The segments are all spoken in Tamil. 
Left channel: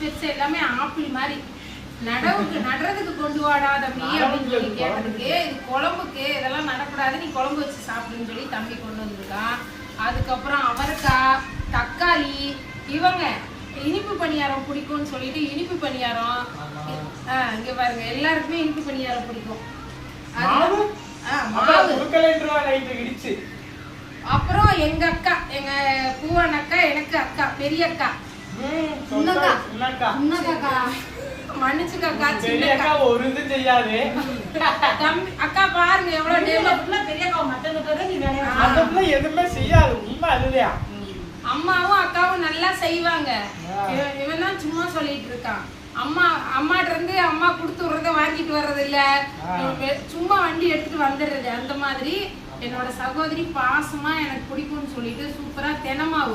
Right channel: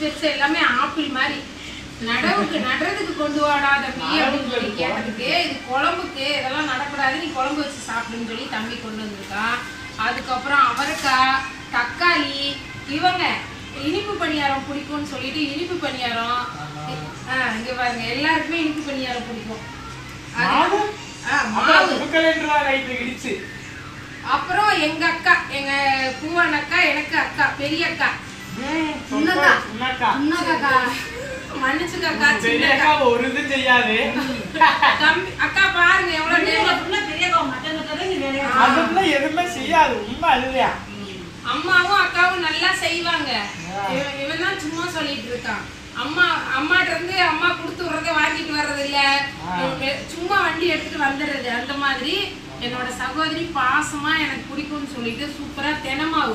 பெருசு எல்லாமே ஆப்பிள் மாதிரி. நடுறதுக்கு கொண்டு வாடா தம்பி அப்படின்னு சொல்லி கேட்டதுக்கு, இது குழம்புக்கு இதெல்லாம் நடக்கூடாது, நீ குழம்பு வச்சு சாப்பிடுன்னு சொல்லி தம்பி கொண்டு வந்திருக்கான். அதுக்கப்புறம் அவரைக்காய், தக்காளி, இவங்க இனிப்பு பணியாரம் பிடிக்கும்னு சொல்லிட்டு இனிப்பு பணியாரம். இங்க பாருங்க, எல்லாருக்குமே இனிப்பு பணியாரம் பிடிக்கும். அப்புறம் எங்க அக்கா, எங்க பூவான அக்கா, எனக்கு அக்கா, பெரிய அக்கா, மன்னிச்சுக்கா, அக்கா பாருங்க எவ்வளவு அம்மாவும் அக்காவும் நல்லா செய்வாங்க. இவன் தான் சும்மா சொல்லிட்டு இருக்கான். அம்மாட்ட இருந்து அம்மா கொடுத்து விடுறத வாங்கிட்டு வர்றது இல்ல, சும்மா வண்டி எடுத்துட்டு வந்துடுறது. அந்த மாதிரி என்னோட சகோதரி பாசமா எனக்கு பிடிக்கும்னு சொல்லிட்டு சூப்பரா தெனமாவு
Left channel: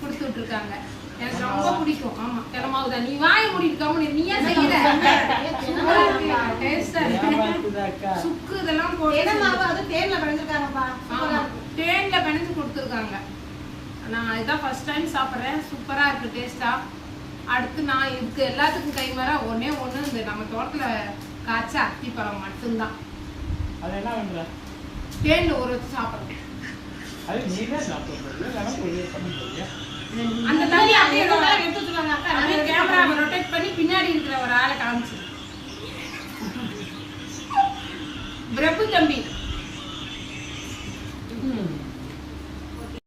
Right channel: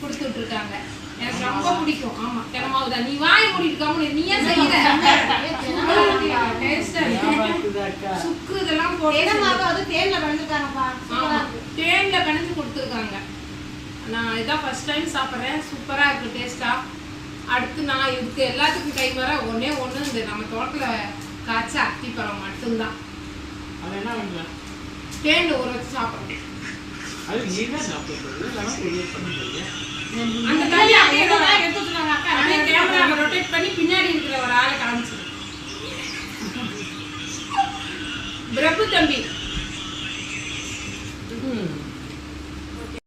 கொடுத்துட்டு இருக்காங்க. எனக்கு ரொம்ப பிடிக்கும். ஆமா, தெனமாவு தான். நீ வாங்கி முடிக்காம நீயே செய்யற சுக்கு இதெல்லாம் போட்டு தேன்ல பிணைஞ்சு கொடுத்துருக்காங்க. நான் இதான் ஃபர்ஸ்ட் டைம் சாப்பிட்றேன். சூப்பரா இருக்கு டேஸ்டா. அடுத்து நான் இதுக்கு எல்லாத்துக்கும் கை வர ஒன்னே ஒண்ணு, இந்த நம்ம தோட்டத்துல காய்ச்ச அத்திப்பழம் மட்டும்தான். தேன்ல ஊற வச்சு சாப்பிடுறேன். அந்த தண்ணி அப்படியே கேமரா ரொட்டேட் பண்ணி பின்னாடி இருக்கிற ஒரு ஆளை காமிச்சு. பிரபு தம்பி